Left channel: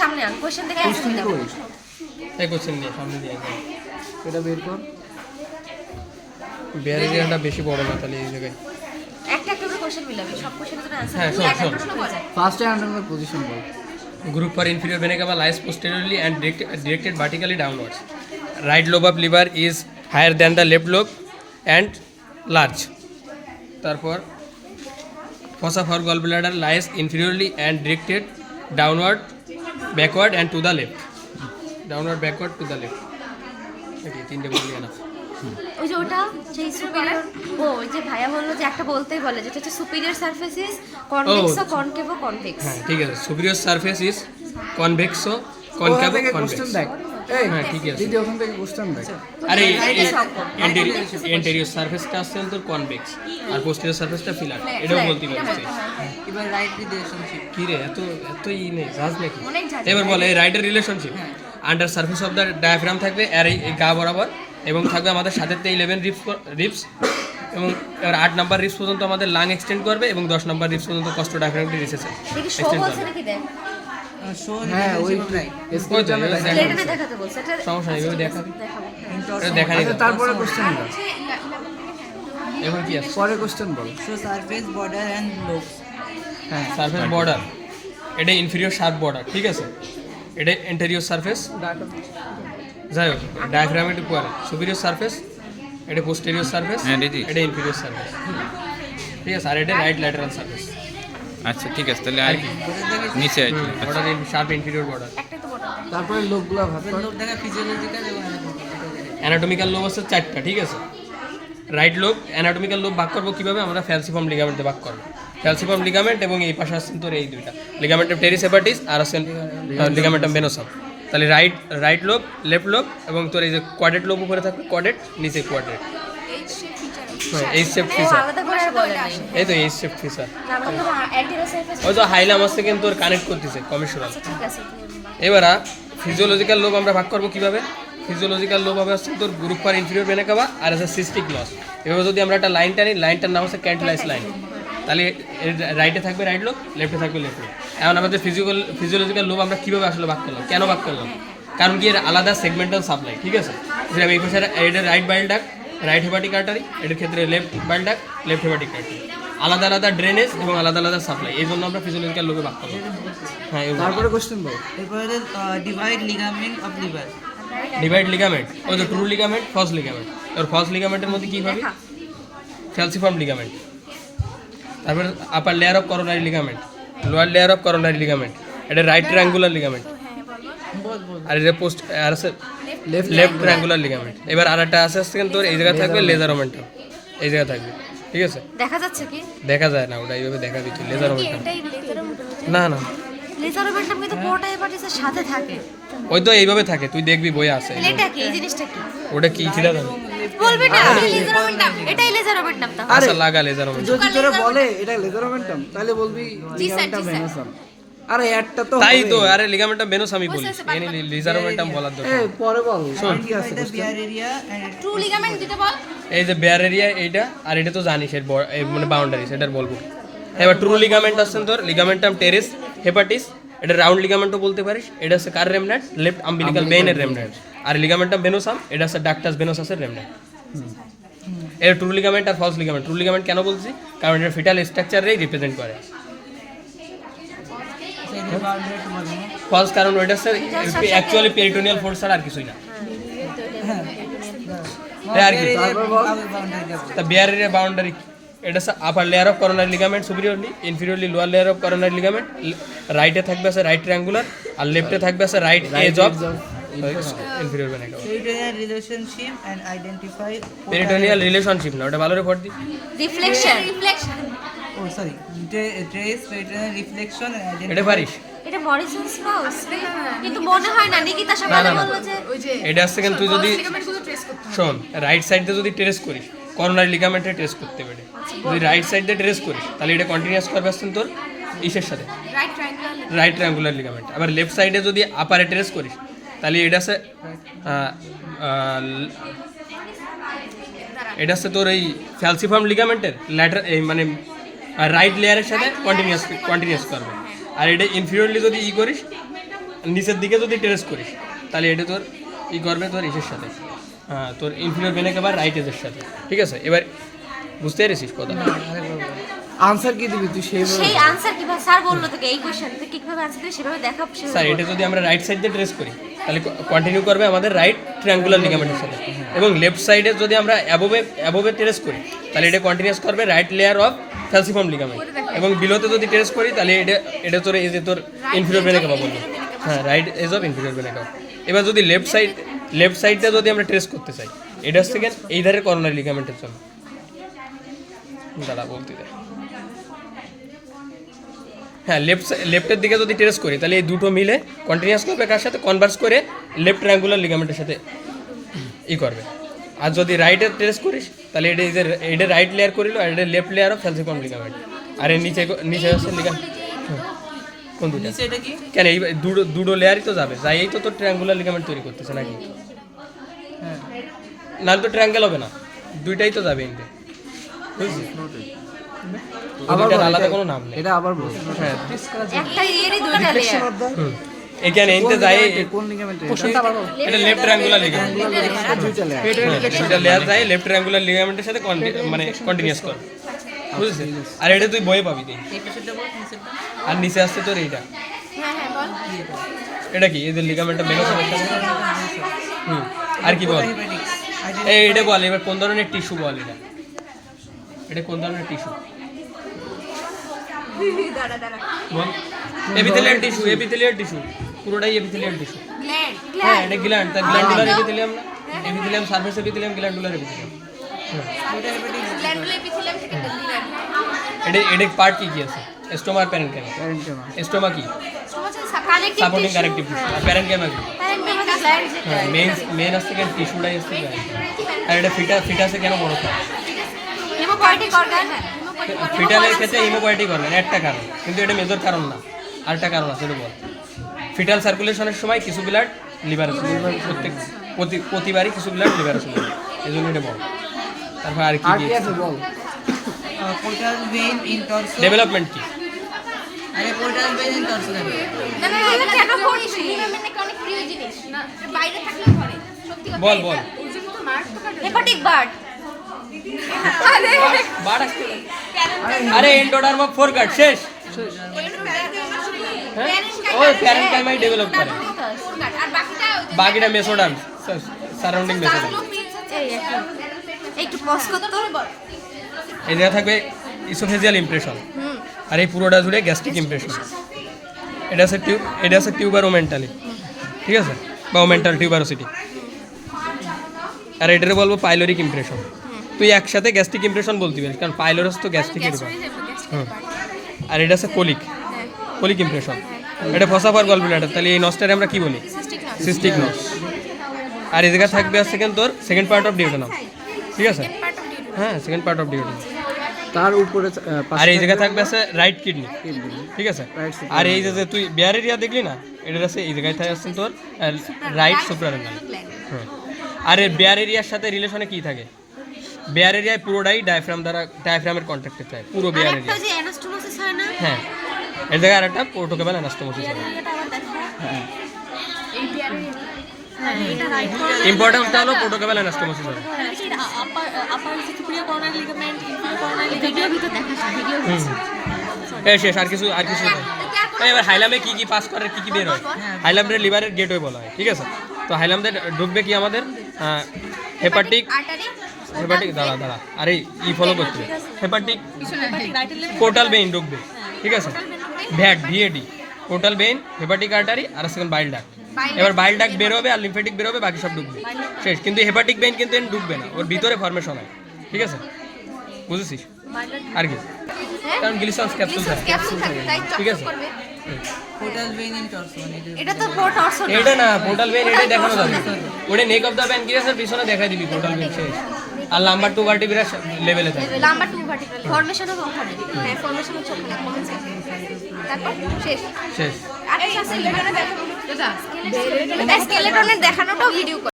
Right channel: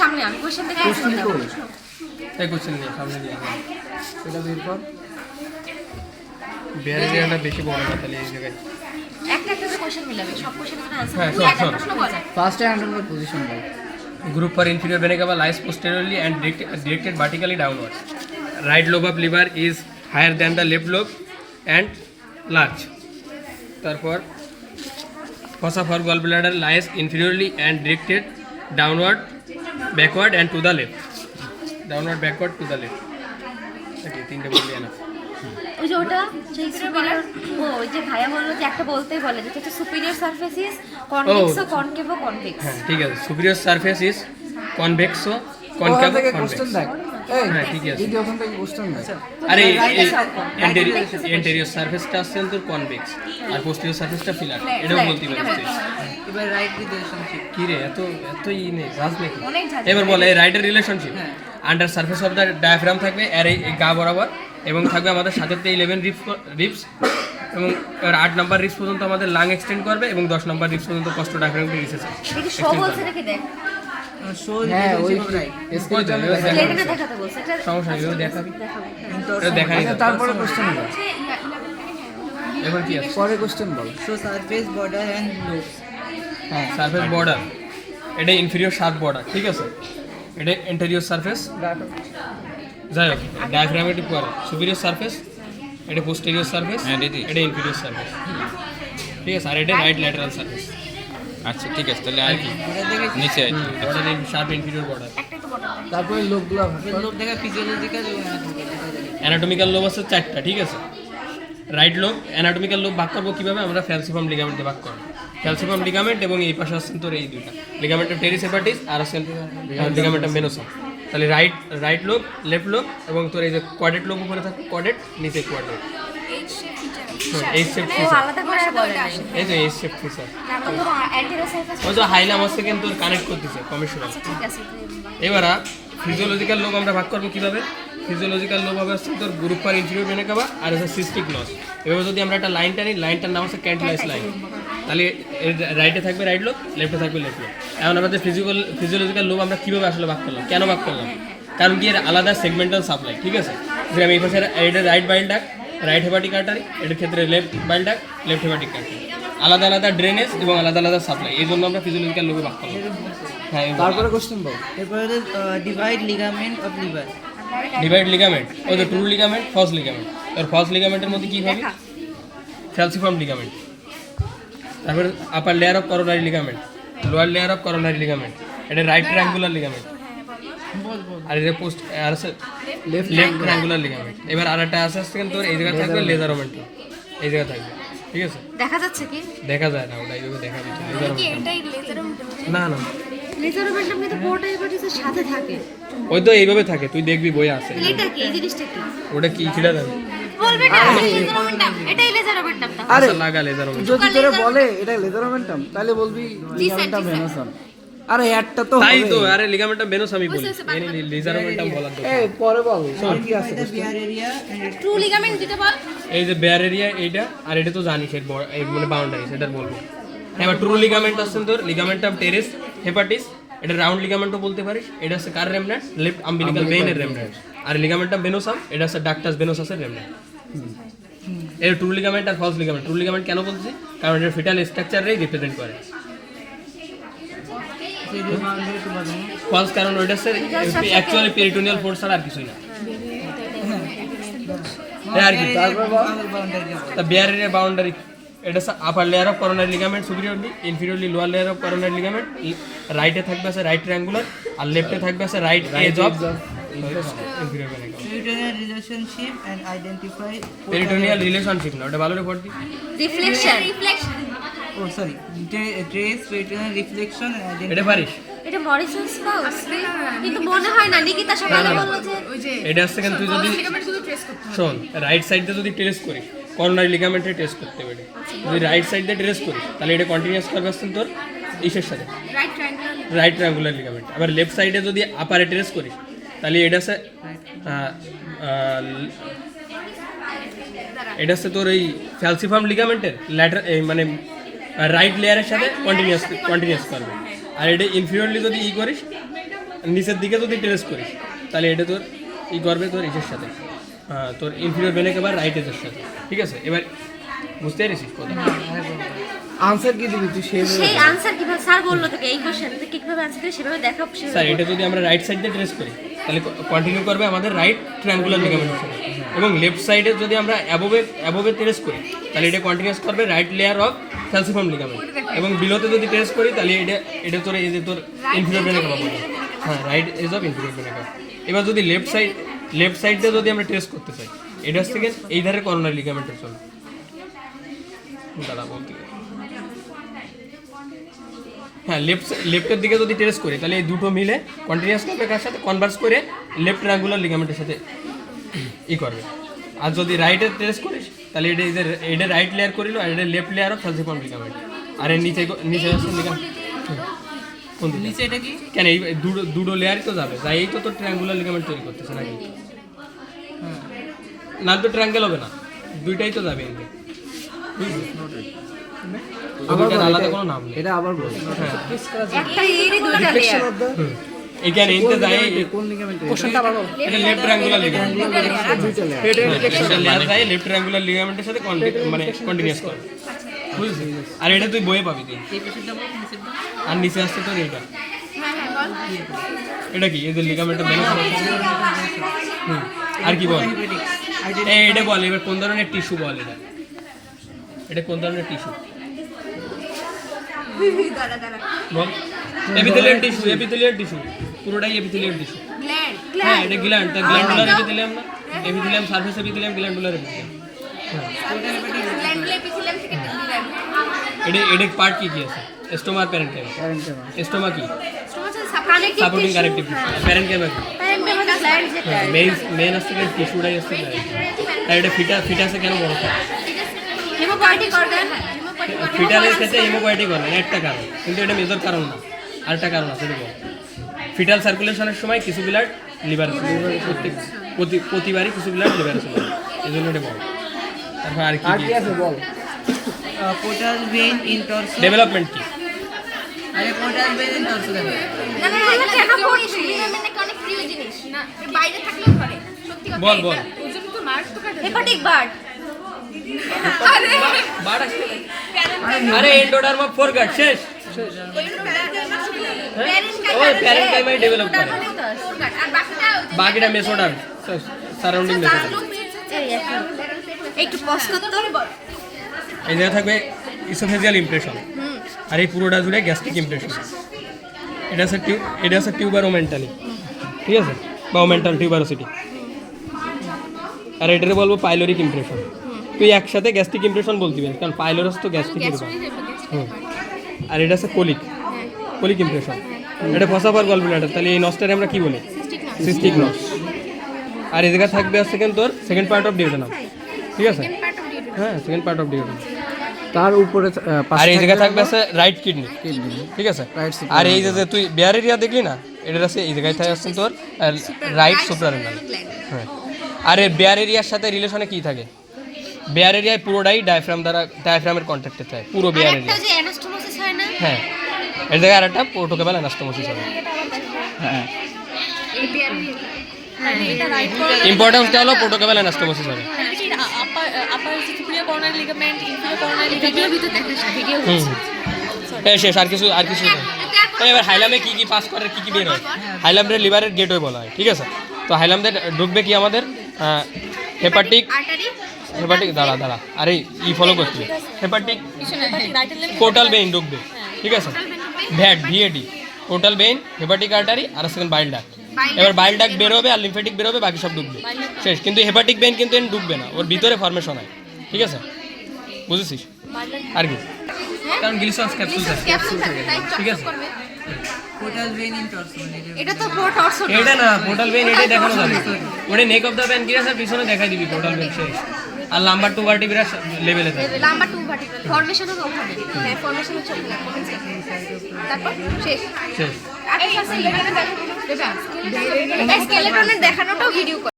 সামনে আন, কোশ্চেন দেখে অ্যান্সার দাও। এই কোশ্চেন নিয়ে সামনে নিয়ে আসেন। এটা বের কর। ব্যারেরিয়াটা বেশি বড় না তাহলে এই জায়গায়। একটা করে কোশ্চেন মিলাবে, সব কোশ্চেনের জন্য অ্যান্সার হ্যাঁ, দাও। শোন, একটা শোন। প্রশ্ন বলা। First anatomical position ball. Group for inferior vena cava lies posteriorly and directed vertically downwards. Right lobe of liver is higher than the left lobe and large. তারপর fossa for gallbladder lies inferiorly and directed downward, backward and to the left. Downward, backward to the left. Okay, তিনটে বললি না। ওই যে ওটা সেই superior, ওই যে ভাইয়া বললো যে একটা বলতেই বলে যেটা হচ্ছে সুপিরিয়র সারফেস ইজ কনভেক্সো কনকেভো কনভেক্স। হ্যাঁ ঠিক আছে, superior surface is convexo concavo convex. Question দেখ। এই হ্যাঁ ঠিক আছে। দিদি ওখান থেকে কোশ্চেন দেখ। আরে এন্টেরিয়র সারফেসটা আসছে তোর কনভেক্স আর পোস্টেরিয়র সারফেসটা ফিলার, এটাও বলতে পারছিস। এবার রাইট রিলেশনশিপ। কি রে এত ই নেই জাজ নাকি? অনেক জাজ। এবার বলে রাইটের relationship under surface of the diaphragm থাকবে আর এই গা বরাবর, এবং থাকবে আমাদের সাথে 11 রিপস, এবং এবার 8 নাম্বার রিপস পর্যন্ত আমাদের লাং এক্সটেন্ড করবে এবং 10 নাম্বার রিপস পর্যন্ত কষ্ট ডায়াফ্রামটি রিসেস দেখি শো বলছে নাকি দেখ। Show relationship right. এটা না দেখাতে বলছে, এটা সমস্যা নেই, এভাবে দেখাবি। দেখাবো। এটা দেখাই দাও। তারপরে কোশ্চেন বল। এবার কি আছে? পরে question ball. Show surface border and lobe. হ্যাঁ সারফেস বর্ডার, এটা ইনফিরিয়র শার্প বর্ডার, ঠিক আছে। এটা এন্টেরিয়র সারফেস, যাই হোক ডায়াফ্রামের একটু পরে সুপিরিয়র সারফেস, এটা পোস্টেরিয়র সারফেস, এটা ইনফিরিয়র সারফেস, ঠিক আছে। আর এটা রাইট ল্যাটারাল সারফেস। আচ্ছা ঠিক আছে, তাহলে আর কি নিচে আছে। Border sharp inferior border. একটা তো বড়। তারপরে লোকগুলো ভাগ কর। লোব দেখা ফিজিওলজিক্যাল এবং অ্যানাটমিক্যাল। অ্যানাটমিক্যাল লোব আছে 4টা, ঠিক আছে। রাইট লোব, অ্যানাটমিক্যাল লোব ভাগ করবো কিভাবে? আমরা ফ্যালসিফার্ম লিগামেন্টে ভাগ করবো। ফ্যালসিফার্ম লিগামেন্ট এবং এই পাশে আসছেন তোর এই দুইটা লিগামেন্টাম টেরিস হেপাটিস আর আছেন লিগামেন্টাম ভেনোসাম। তাহলে রাইট লোব, লেফট লোব এবং তোর এই যে কোয়াড্রেট লোব উপরে থাকবে, কোয়াড্রেট নিচে কোয়াড্রেট। হ্যাঁ এইচ শেপ ও ফিচার, আলাদা করে আর বলে নাই। এই তো এইচ শেপ ফিচার। আমরা তো অ্যান্টেরিয়র সারফেস। হয়তো হাইলাম আছে কিন্তু তোর কানেক্ট করতেছে কমিশনাল। আচ্ছা ঠিক আছে। এবার ফিজিওলজিক্যাল লোব আমরা ভাগ করবো কিভাবে? ফিজিওলজিক্যাল লোব হবে হচ্ছে তোর group for inferior vena cava আর আছে সিস্টিক লস। এভাবে যদি আমরা একটা লাইন টানি, লাইনটার নাম হচ্ছে ক্যান্টিলাইস লাইন, তাহলে রাইটে থাকবে রাইট লোব, লেফটে থাকবে লেফট লোব। এখন আমাদের ফিজিওলজিক্যাল লোব আমরা কীভাবে আসলে ভাগ করলাম, কেন ভাগ করলাম? কারণ কি এর আলাদা সেগমেন্টাল সাপ্লাই, ঠিক আছে। যে আমি এই পাশে এটা রাইট বাইল ডাক, রাইট হেপাটিক আর্টারি, এটার ক্ষেত্রে লেফট বাইল ডাক, লেফট হেপাটিক আর্টারি, আলাদা আলাদা ড্রেনেজ এবং আলাদা আলাদা সাপ্লাই, এই জন্য আমরা ফিজিওলজিক্যাল লোবে ভাগ করলাম। হ্যাঁ তারপরে কোশ্চেন বল। এরপরে divide ligament of liver. Divide ligament, ওই যে ট্রু লিগামেন্ট, ফলস লিগামেন্ট। আর ফলস লিগামেন্টের মধ্যে কী হবে? ফ্যালসিফার্ম লিগামেন্ট। তারপরে আপার layer of coronary ligament, lower layer of coronary ligament, এটা রাইট ট্রায়াঙ্গুলার লিগামেন্ট। আর এটা পোস্ট আর আছে লেফট ট্রায়াঙ্গুলার লিগামেন্ট। এবার আর একটা আছে কিন্তু এই জায়গায় থাকবে লেজার ওমেন্টাম, এই জায়গায় থাকবে, ঠিক আছে। দেখা যাচ্ছে কি? দেখা যায় না, ওটা এইভাবে দেখা দিচ্ছে লেজার ওমেন্টাম। এটাই লেজার ওমেন্টাম। না না, লেজার ওমেন্টাম কিন্তু পুরোটা হেপাটিসের সাথে থাকে। ওই তো এইভাবে থাকে, তুই দেখবি বই আছে। এটা কি এই জিনিসটা কি? ওটা কি ছিল জানি? বলবে না লেজার ওমেন্টাম, এটাই লেজার ওমেন্টাম তো। আচ্ছা লাগা লেজার ওমেন্টাম। যদি তোরে বলে এটা লেজার মোমেন্টাম তাহলে বলবি লিগামেন্টাম ভেনোসাম। আরে একটা তো তাই হবে। তো, আরে লিগামেন্টাম ভেনোস আমি বলি, এনে লেজার ওমেন্টাম বলার দরকার। এই পরে বল কি আছে বিয়ার এরিয়া অ্যান্ড ট্রু লিগামেন্ট দিতে বল। এই যে বেয়ার এরিয়া এইটা, আর এটা তো জানিস এর মানে বাউন্ডারি, সেটার বলবো। এবার ট্রু লিগামেন্ট আসছেন তোর লিগামেন্টাম টেরিস হেপাটিস, এটা রাউন্ড লিগামেন্টও বলতে পারিস। এটা হচ্ছে কার রেমন্যান্ট? লেফট আম্বিলিকাল ভেইনের রেমন্যান্ট। আর লিগামেন্টাম ভেনোসাম, এটা হচ্ছে ডাক্টাস ভেনোসাসের রেমন্যান্ট। এটা ট্রু লিগামেন্ট আর ফলস লিগামেন্ট। ট্রু লিগামেন্ট কেন বলছি? কারণ এটা ফিটাল স্ট্রাকচারেই রিপ্রেজেন্ট করে। ফলস কারণ ওইটা হচ্ছে অ্যাকচুয়ালি পেরিটোনিয়াল ফোর্স ছাড়া আর কিছুই না। আর কি তা বেয়ার এরিয়া বাউন্ডারি, এটা হচ্ছে upper layer of coronary ligament superiorly, inferiorly lower layer of coronary ligament. রাইটে থাকবে আছে রাইট ট্রায়াঙ্গুলার আর লেফটে থাকবে আছে right edge of inferior vena cava. Peritoneal relationship and identify. Peritoneal relationship না, ওটা ভালো করে পড় দি। Reflection. Oh sorry, trace peritoneal reflection and এটা পারিস? এটা মরিসন স্পাউস কিন্তু মনে হয় না। নিকিতা সকালে বললো যে এটা হচ্ছে কিন্তু তুই যদি শোন রাইট সাইডে যদি ট্রেস করিস, কর্নারি লিগামেন্টে ট্রেস করতে পারে। যদি রাইট সাইড দিয়ে ট্রেস করিস তাহলে এটা কন্টিনিউয়াস করবে আসছেন তোর ইসের সাথে, right triangular. Right triangular ligament. আবার লেফট সাইডে যদি আপারে ট্রেস করিস তাহলে এটা আছে এটা হচ্ছে তোর এই ফ্যালসিফার্ম লিগামেন্টের ল্যাটার এই মানে রাইট লেয়ারের সাথে কন্টিনিউয়াস করবে। আর এটা ইনফিরিয়রলি যদি ই করিস নিচের দিকে যদি ট্রেস করিস তাহলে এটা তোর ই করবে তোর এসের সাথে, হ্যাঁ তোর ইনফিরিয়র ভেনে কাবা রাইট এজের সাথে। ঠিক আছে, এবার বুঝতে পেরেছিস কথা? আনসার কি দিবি তুই সেই সেই আনসার কিভাবে স্যার বললো তোকে এই কোশ্চেন তুই কিভাবে আনসার দিবি সেভাবে দেখাও স্যার এটা যদি আমরা রাইট সাইড দিয়ে ট্রেস করি তাহলে কন্টিনিউ করবে আমাদের রাইট ট্রায়াঙ্গুলার লিগামেন্টের সাথে, এবং লেফট সাইডে যদি আমরা অ্যাবোভে ট্রেস করি তাহলে এটা কন্টিনিউয়াস করবে রাইট লেয়ার অফ ফ্যালসিফর্ম লিগামেন্ট, এবং বিলোতে যদি ট্রেস করি তাহলে এটা তোর এই যে তোর ইনফিরিয়র ভেনে কাবা বলবো, হ্যাঁ রাইট এজ অফ ইনফিরিয়র ভেনে কাবা। এবার যদি লেফট সাইডটা যদি আমরা ট্রেস করতে চাই এটা থেকে এই ধারে কর্নার লিগামেন্টের জন্য দাঁড়া বলতে গেলে, হ্যাঁ লেফটের দিকে যদি ট্রেস করি তাহলে এই দুটো মিলে কন্টিনিউয়াস করবে কার সাথে, কনভার্স করে লেফট ট্রায়াঙ্গুলার লিগামেন্টের সাথে ই করবে। আর যদি রাইটে ট্রেস করিস তাহলে এটা রাইট লেয়ার করিল আর এটা লেফট লেয়ার অফ ফ্যালসিফর্ম লিগামেন্ট, আর এর নিচে হচ্ছে লিগামেন্ট কোন দুটো নিচে এটা কি? কেন এই দুটো লেয়ারই তো যাবে, যাই এই তো তোর ট্রায়াঙ্গুলার লিগামেন্ট তৈরি করতেছে নাকি? না তো ট্রায়াঙ্গেল হবে না, দুইটাই তো যাবে এতে, বুঝলি? দুইটার আলাদা কোনো নাম নেই। এটা আবার বল হ্যাঁ একটা এরই দুটো রিফ্লেকশন অফ দা এখানে এতে যায় কোন লিগামেন্ট এটা লেফট ট্রায়াঙ্গুলার লিগামেন্ট, দুইটা লেয়ার এটা লেয়ার যায় লেফট ট্রায়াঙ্গুলার লিগামেন্টের সাথে মানে কন্টিনিউয়াস করে, বুঝছিস? আর এটা তুই বইয়ে পাবি তুই। এই পাশেরটা বল, নিচেরটা। আর নিচে আসছে তোর এটা, হ্যাঁ হ্যাঁ বল এটা কি এদের লিগামেন্টটা বের করে? আর কি বল এই এটা বল, এবার কোন ধরনের টিস্যু বল, এটা কোন ধরনের টিস্যু দাঁড়া দাঁড়া বল? এপিথেলিয়াল টিস্যু পুরোটাই এপিথেলিয়াল টিস্যু। গ্ল্যান্ড হ্যাঁ এটা গ্ল্যান্ড, তার গ্ল্যান্ডুলার এপিথেলিয়াম না, epithelium surface epithelium glandular epithelium. Gland epithelium থেকে গ্ল্যান্ড এটা পার্ট কি কি আছে? স্টোমা আর প্যারেনকাইমা। স্টোমা কি? কানেক্টিভ সাপোর্টিং কানেক্টিভ, প্যারেনকাইমা কি? প্যারেনকাইমা গ্ল্যান্ড যেটা মেইন আসছে কেন টিস্যুটাই আসছে কেন? আর এটা ফিটাসে কেন বড় থাকে? হেমোপয়েটিক অর্গান ফিটালের ক্ষেত্রে হেমোপয়েটিক অর্গান একটা কারণ, কিন্তু এটা মেজর কারণ না, আরেকটা কারণ আছে এটা বল। ফিটাল সার্কুলেশনের সময় কিছু ব্লাড লিভারে প্রতিবারই কিছু ব্লাড লিভারে চলে যায়, এই জন্য এটা বল। তারপর আর কি কি আছে বল portal vein in torso. Development কি? আরে পোর্টাল ভেইন ইন টর্সো না না এটা কেন করছিস লিগামেন্ট নাকি অনেক প্রিয় জিনিস না এর বাইরে থাকলেও ধরে সত্যি কথা বল বল ওজন তো মার্ক তো কাটে হেপাটিক বার্ড আরে বাড় আসছে আরে এন্ডোডার্মা ফোরগাট শেষ। ওই প্যারেনকাইমাই ডেভেলপ করে, আর বাকিটা বাকিটা মেসোডার্ম সারাউন্ডিং মেসোডার্ম। এই একটু পজ করতে বল এই জায়গা থাকবে ইসোফেজিয়াল ইমপ্রেশন, আর এই পুরোটা জুড়ে গ্যাস্ট্রিক ইমপ্রেশন। এটা আছে টিউবারোমেন্টালি, ঠিক আছে, বা ওমেন্টাল টিউবারোসিটি। আর এটারে বলবো পাইলোরিক ইমপ্রেশন। তুই একসাথে গ্যাস্ট্রিক ইমপ্রেশন বলতে পারিস, কারণ পাইলোরাস তো গ্যাস্ট্রিক ইমপ্রেশন। আর এটা আছে কোলিক ইমপ্রেশন। এটা ফসাফার গলব্লাডার, তাহলে এই নসটারে আমরা কি বলি? সিস্টিক নস। আর এই জায়গা থাকবে হচ্ছে তোর সেকেন্ড পার্ট অফ ডিউটেনাম, ঠিক আছে, হ্যাঁ সেকেন্ড পার্ট অফ ডিউটেনাম। তার উপরে আর এই জায়গা থাকবে আছে রাইট কিডনি, ঠিক আছে। আর এই যে তুই বেয়ার এরিয়া দেখলি না, এটার আছে এই জায়গায় থাকে আসছেন তোর রাইট সুপ্রারেনাল। হ্যাঁ, আর এর বেয়ার এরিয়ার সাথে রিলেশনে কি থাকে? বেয়ার এরিয়ায় পুরোটাই ডায়াফ্রামের কন্ট্যাক্টে থাকে, পুরো বেয়ার এরিয়া। যে অ্যানাস্টোমোসিস হয় না হ্যাঁ, এর জায়গায় আরেকটা পোর্টোকেবাল অ্যানাস্টোমোসিস হবে। এটা রাইট ইম্পর্টেন্সটা হলো পোর্টোকেবাল অ্যানাস্টোমোসিস হবে। Upper superior coronary ligament, inferior coronary video ভিতর দেখাস ভিডিও শেষ, আর কিছু এবার হাইলামে কি কি পাস করে, কি কি বের হয়? হাইলামের লিভারের গেটওয়ে বলা হয়, ঠিক আছে। তো হাইলামদের ঢুকবে কি আমাদের হেপাটিক দাঁড়া আরে ই ফলো করতে, হেপাটিক পোর্টাল বেইন ঢুকবে, ঠিক আছে। ভিএডি পোর্টাল বেইন, হেপাটিক আর্টারি, আর সেকেন্ড বাইল ডাক্ট। এবার বাইল ডাক্ট বের হবে আর লিম্ফেটিক বের হবে, বাকি সব ঢুকবে শেষ। কিন্তু হেপাটিক বেইন কিন্তু ঢুকবে না, ওর ভিতরে ফর্মেশন হয়, ঠিক আছে, বুঝেছিস? আর কি কারণ গ্লিসান্স ক্যাপসুল থাকে, ক্যাপসুল থাকে তাই ঠিক আছে। করবে পোর্টাল ভেইন ইন টর্সো। এটা তো টর্সো এটা না, পোর্টাল বেইন এটাই দেখানো যাবে, ওটা নেক অফ দ্য প্যানক্রিয়াসের পিছনে দেখাই দিবি পোর্টাল বেইন শেষ। আর নাম্বার 2 ভার্টিব্রা লেভেলে থাকে, নাম্বার 2 ভার্টিব্রাল ফর্মেশন হবে ওখানে, হ্যাঁ ফর্মেশন হচ্ছে ওখানে কমেন্টস তারপর শেষ শেষ। আরেকটা আছে লিভারে দেখানো এটা স্কেলেটনের দেখানোটাও ভিডিও করে